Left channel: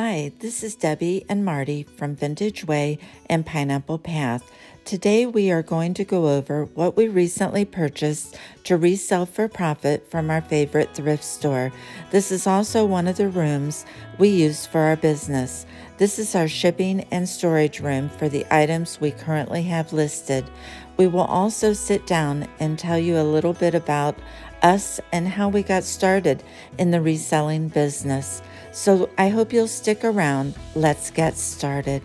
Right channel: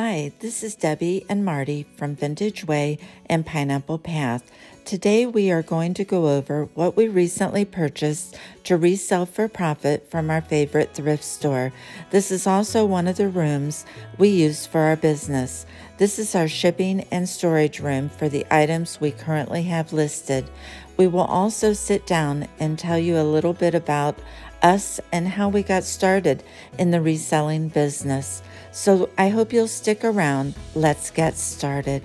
Hi, this is Debbie and Marty from Vintage Way and Pineapple Path. Today we are going to go over what we recently purchased to resell for profit from our favorite thrift store. This is also one of the rooms we use for our business. This is our shipping and storage room for the items we currently have listed. We will also sit down and tell you a little bit about us and how we got started in the reselling business. So I hope you'll stick around. Let's get started.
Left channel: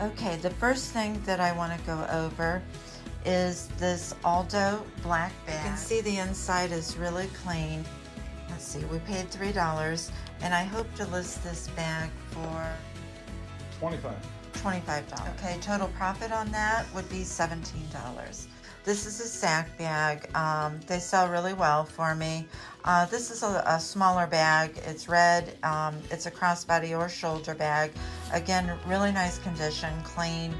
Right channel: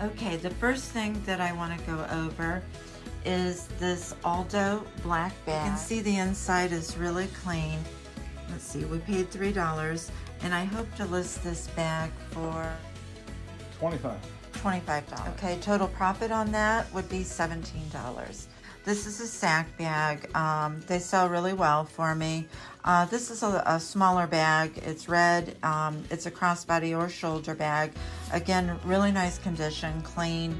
Okay, the first thing that I want to go over is this Aldo Black Bag. You can see the inside is really clean. Let's see, we paid $3 and I hope to list this bag for $25. Okay, total profit on that would be $17. This is a sack bag. They sell really well for me. This is a smaller bag. It's red. It's a crossbody or shoulder bag. Again, really nice condition, clean.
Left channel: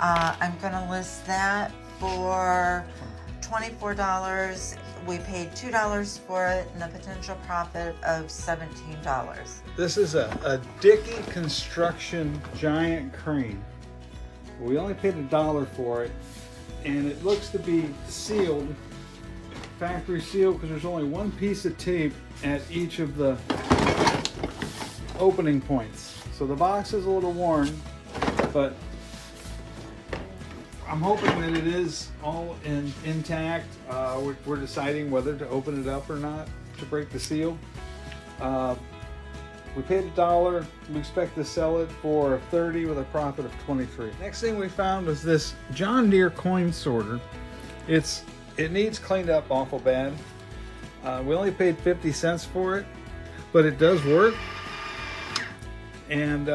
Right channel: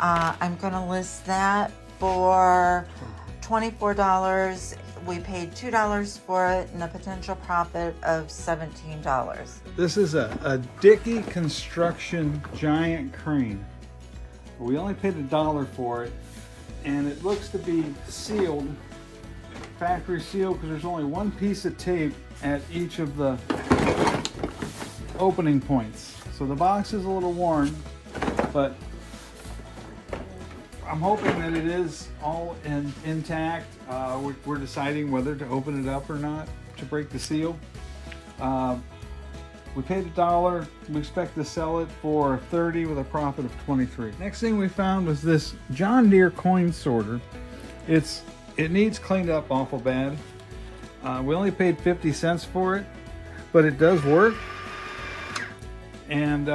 I'm gonna list that for $24. We paid $2 for it and a potential profit of $17. This is a Dickey Construction giant crane. We only paid $1 for it, and it looks to be sealed, factory sealed, because there's only one piece of tape at each of the opening points. So the box is a little worn, but I'm hoping that it is all intact. We're deciding whether to open it up or not to break the seal. We paid $1. We expect to sell it for $30 with a profit of $23. Next thing we found was this John Deere coin sorter. It needs cleaned up awful bad. We only paid 50 cents for it, but it does work. And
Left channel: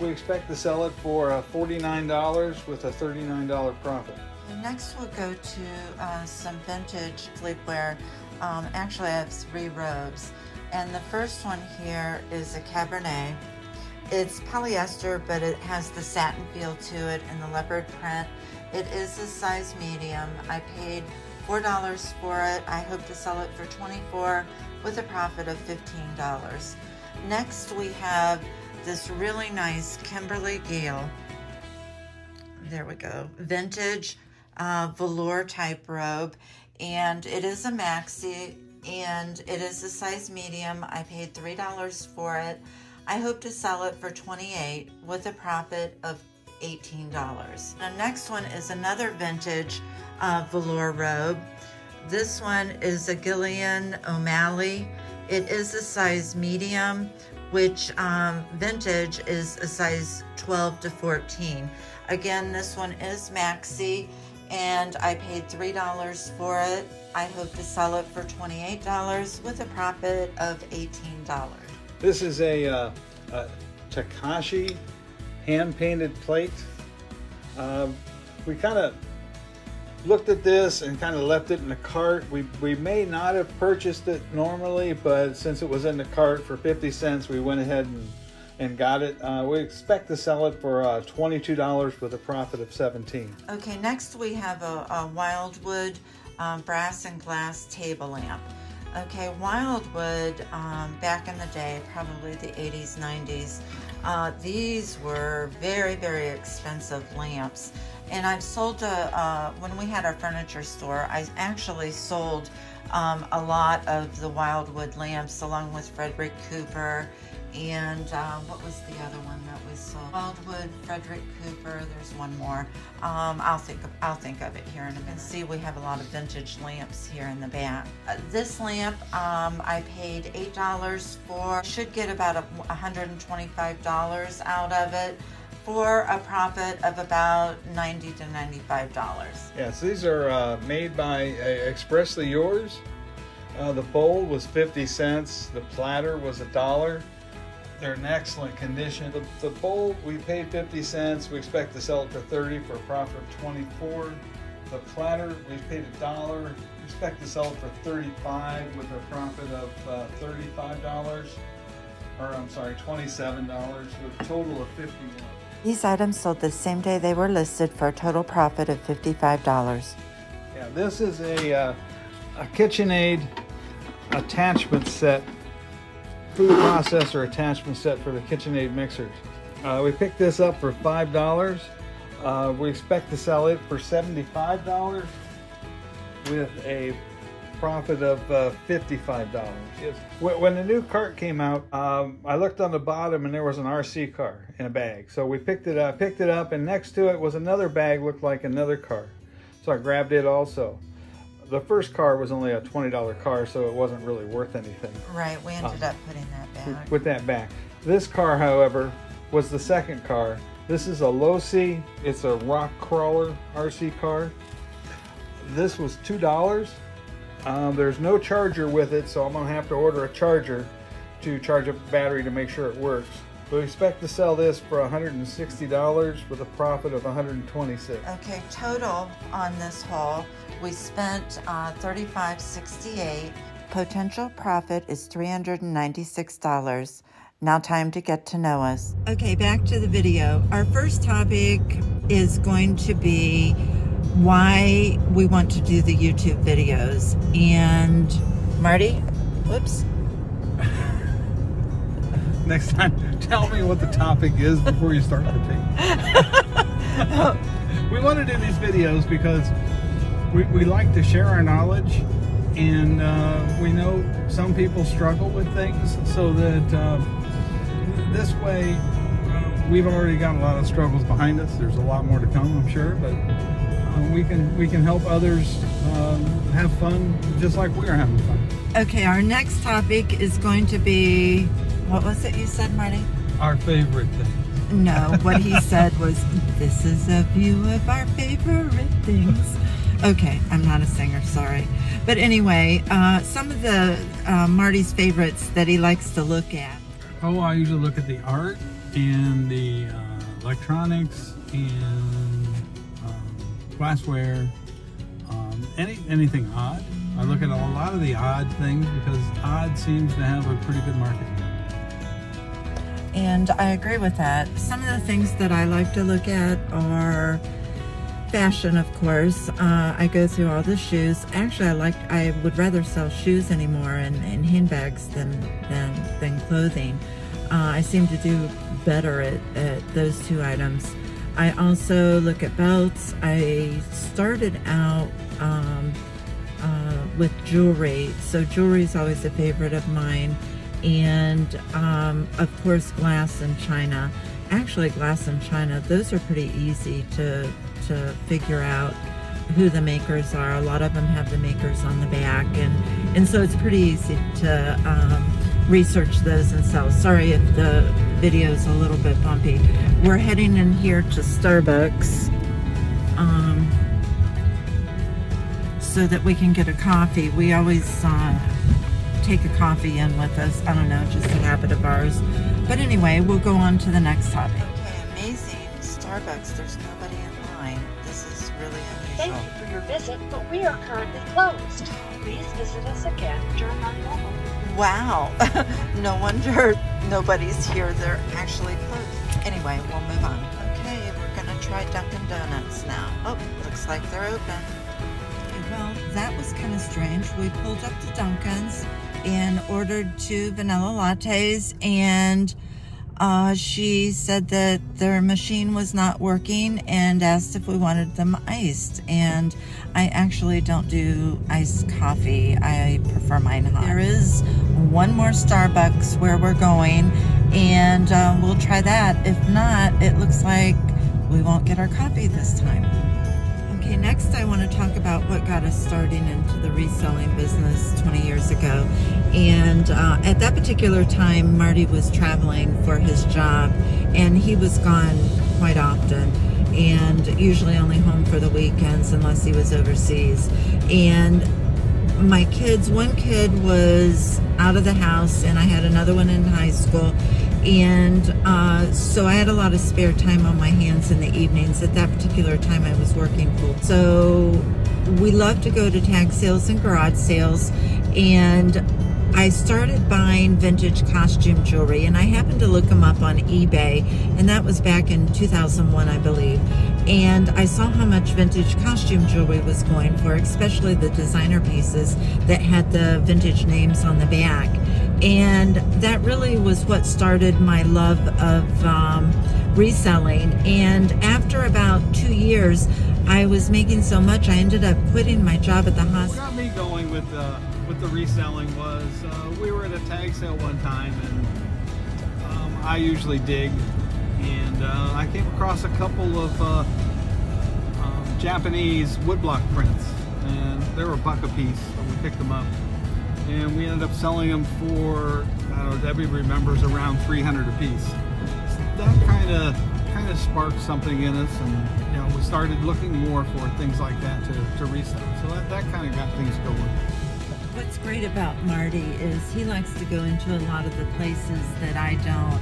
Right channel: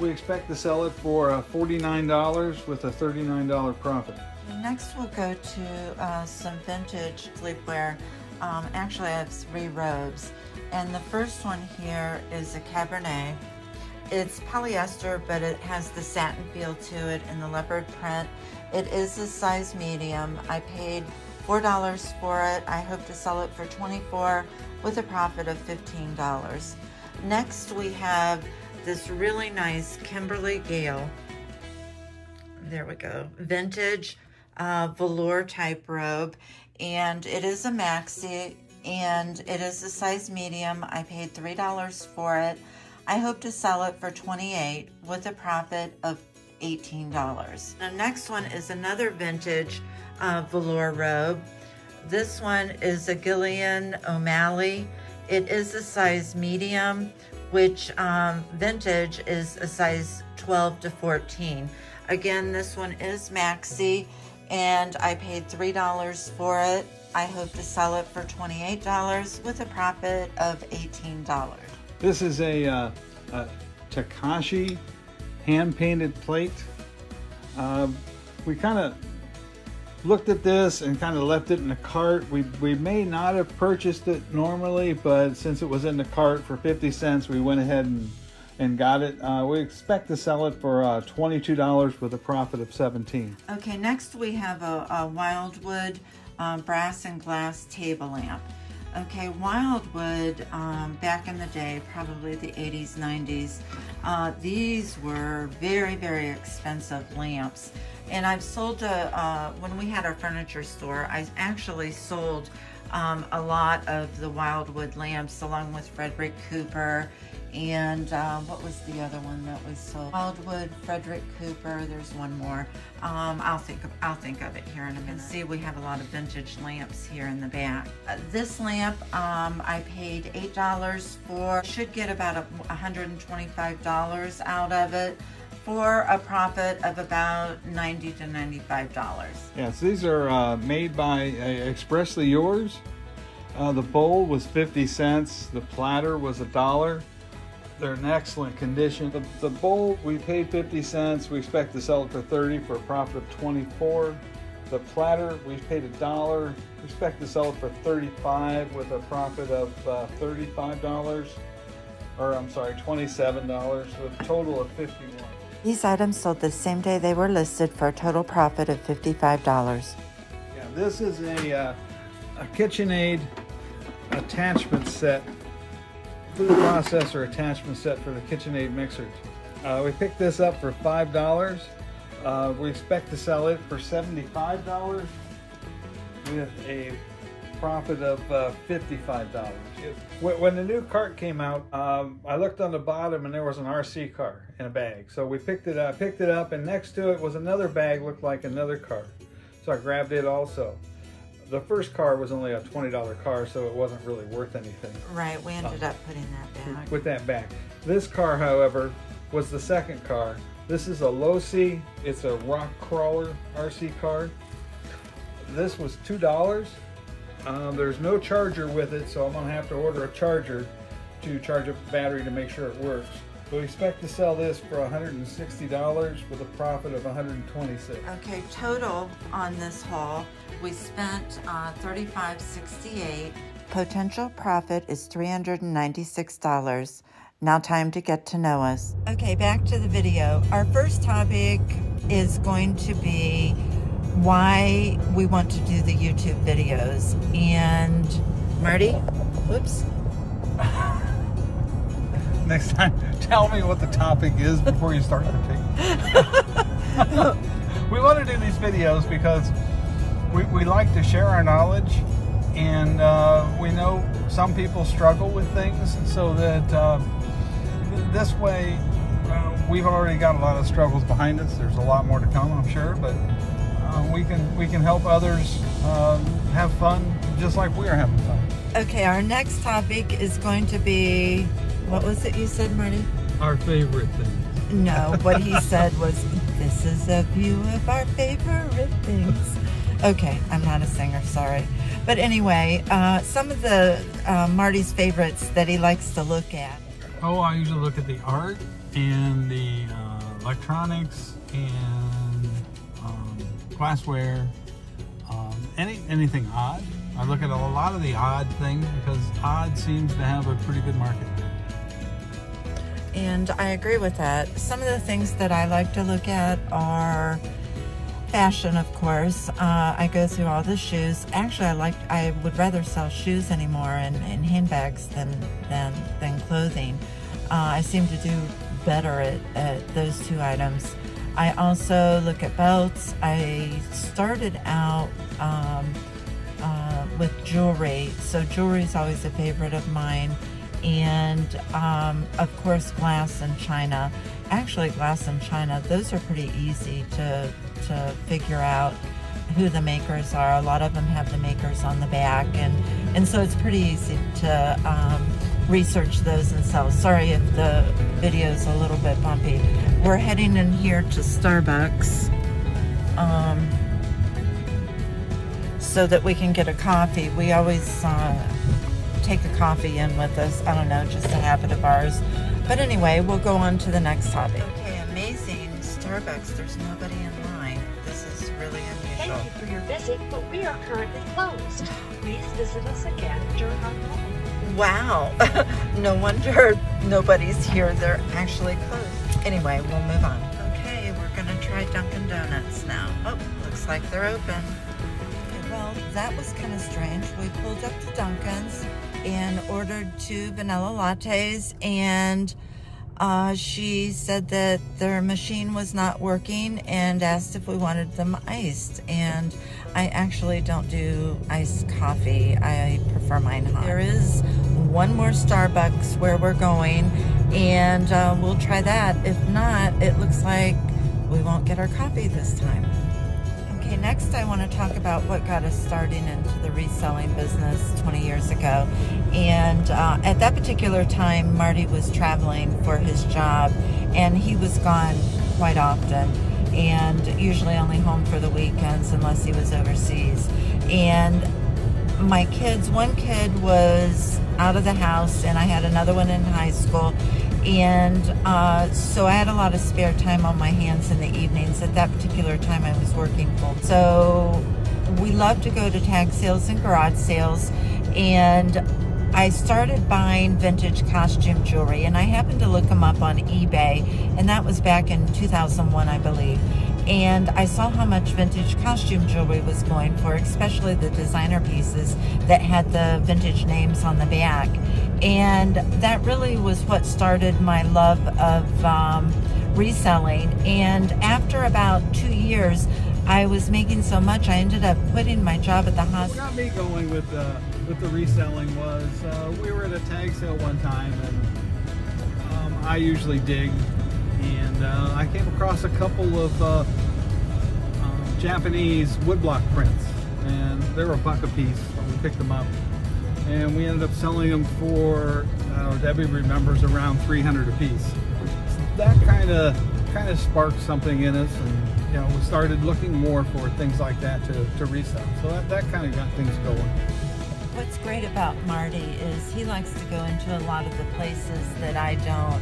we expect to sell it for $49 with a $39 profit. Next we'll go to some vintage sleepwear. Actually I have 3 robes. And the first one here is a Cabernet. It's polyester, but it has the satin feel to it and the leopard print. It is a size medium. I paid $4 for it. I hope to sell it for $24 with a profit of $15. Next we have this really nice Kimberly Gale. There we go. Vintage velour type robe. And it is a maxi. And it is a size medium. I paid $3 for it. I hope to sell it for $28 with a profit of $18. The next one is another vintage velour robe. This one is a Gillian O'Malley. It is a size medium, which vintage is a size 12 to 14. Again, this one is maxi, and I paid $3 for it. I hope to sell it for $28 with a profit of $18. This is a Takashi hand-painted plate. We kind of looked at this and kind of left it in the cart. We may not have purchased it normally, but since it was in the cart for 50 cents, we went ahead and got it. We expect to sell it for $22 with a profit of $17. Okay, next we have a Wildwood brass and glass table lamp. Okay, Wildwood, back in the day, probably the 80s, 90s, these were very, very expensive lamps. And I've sold, when we had our furniture store, I actually sold a lot of the Wildwood lamps along with Frederick Cooper. And what was the other one that we sold? Wildwood, Frederick Cooper, there's one more. I'll think of it here in a minute. See, we have a lot of vintage lamps here in the back. This lamp, I paid $8 for. Should get about $125 out of it for a profit of about $90 to $95. Yes, these are made by Expressly Yours. The bowl was 50 cents. The platter was $1. They're in excellent condition. The bowl, we paid 50 cents. We expect to sell it for $30 for a profit of $24. The platter, we paid $1. We expect to sell it for $35 with a profit of $35. Or I'm sorry, $27 with a total of $50. These items sold the same day they were listed for a total profit of $55. Yeah, this is a KitchenAid attachment set food processor attachment set for the KitchenAid mixers. We picked this up for $5. We expect to sell it for $75 with a profit of $55. When the new cart came out, I looked on the bottom and there was an RC car in a bag. So we picked it up, and next to it was another bag, looked like another car. So I grabbed it also. The first car was only a $20 car, so it wasn't really worth anything. Right, we ended up putting that back. With that back. This car, however, was the second car. This is a Losi. It's a rock crawler RC car. This was $2. There's no charger with it, so I'm gonna have to order a charger to charge up the battery to make sure it works. We expect to sell this for $160 with a profit of $126. Okay, total on this haul, we spent $35.68. Potential profit is $396. Now time to get to know us. Okay, back to the video. Our first topic is going to be why we want to do the YouTube videos. And Marty, whoops. Next time, tell me what the topic is before you start the tape. We want to do these videos because we like to share our knowledge, and we know some people struggle with things, so that this way we've already got a lot of struggles behind us. There's a lot more to come, I'm sure, but we can help others have fun just like we are having fun. Okay, our next topic is going to be, what was it you said, Marty? Our favorite thing. No, what he said was, this is a view of our favorite things. Okay, I'm not a singer, sorry. But anyway, some of the Marty's favorites that he likes to look at. Oh, I usually look at the art and the electronics and glassware, anything odd. I look at a lot of the odd things because odd seems to have a pretty good market. And I agree with that. Some of the things that I like to look at are fashion, of course. I go through all the shoes. Actually, I would rather sell shoes anymore and handbags than clothing. I seem to do better at those two items. I also look at belts. I started out with jewelry, so jewelry is always a favorite of mine. And of course, glass and china. Actually, glass and china, those are pretty easy to figure out who the makers are. A lot of them have the makers on the back, and so it's pretty easy to research those and sell. Sorry if the video is a little bit bumpy. We're heading in here to Starbucks so that we can get a coffee. We always take the coffee in with us. I don't know, just a habit of ours. But anyway, we'll go on to the next topic. Okay, amazing. Starbucks, there's nobody in line. This is really unusual. Thank you for your visit, but we are currently closed. Please visit us again during our call. Wow. No wonder nobody's here. They're actually closed. Anyway, we'll move on. Okay, we're gonna try Dunkin Donuts now. Oh, looks like they're open. Well, that was kind of strange. We pulled up to Dunkin's and ordered 2 vanilla lattes, and she said that their machine was not working and asked if we wanted them iced. And I actually don't do iced coffee. I prefer mine hot. There is one more Starbucks where we're going, and we'll try that. If not, it looks like we won't get our coffee this time. Okay, next I want to talk about what got us started into the reselling business 20 years ago. And at that particular time, Marty was traveling for his job, and he was gone quite often, and usually only home for the weekends unless he was overseas. And my kids, one kid was out of the house, and I had another one in high school. And so I had a lot of spare time on my hands in the evenings. At that particular time, I was working full. So we love to go to tag sales and garage sales, and I started buying vintage costume jewelry, and I happened to look them up on eBay, and that was back in 2001, I believe. And I saw how much vintage costume jewelry was going for, especially the designer pieces that had the vintage names on the back. And that really was what started my love of reselling. And after about 2 years, I was making so much, I ended up quitting my job at the hospital. What got me going with the reselling was we were at a tag sale one time, and I usually dig, and I came across a couple of Japanese woodblock prints, and they were $1 a piece, so we picked them up, and we ended up selling them for, Debbie remembers, around $300 a piece. So that kind of sparked something in us, and we started looking more for things like that to resell. So that kind of got things going. What's great about Marty is he likes to go into a lot of the places that I don't,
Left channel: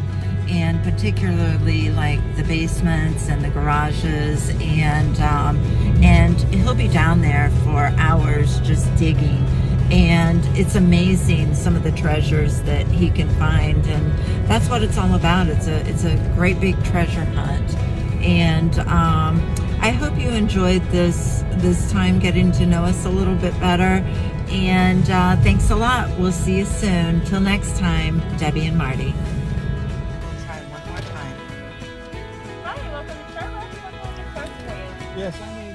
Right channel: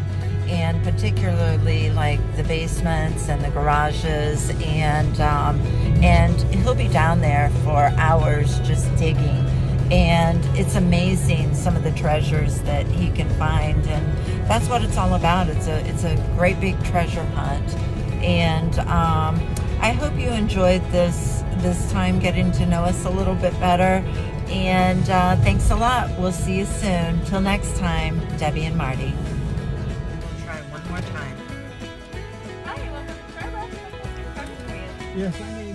and particularly like the basements and the garages, and he'll be down there for hours just digging, and it's amazing some of the treasures that he can find, and that's what it's all about. It's a great big treasure hunt, and I hope you enjoyed this time getting to know us a little bit better. And thanks a lot. We'll see you soon. Till next time, Debbie and Marty. Try one more time. Yes.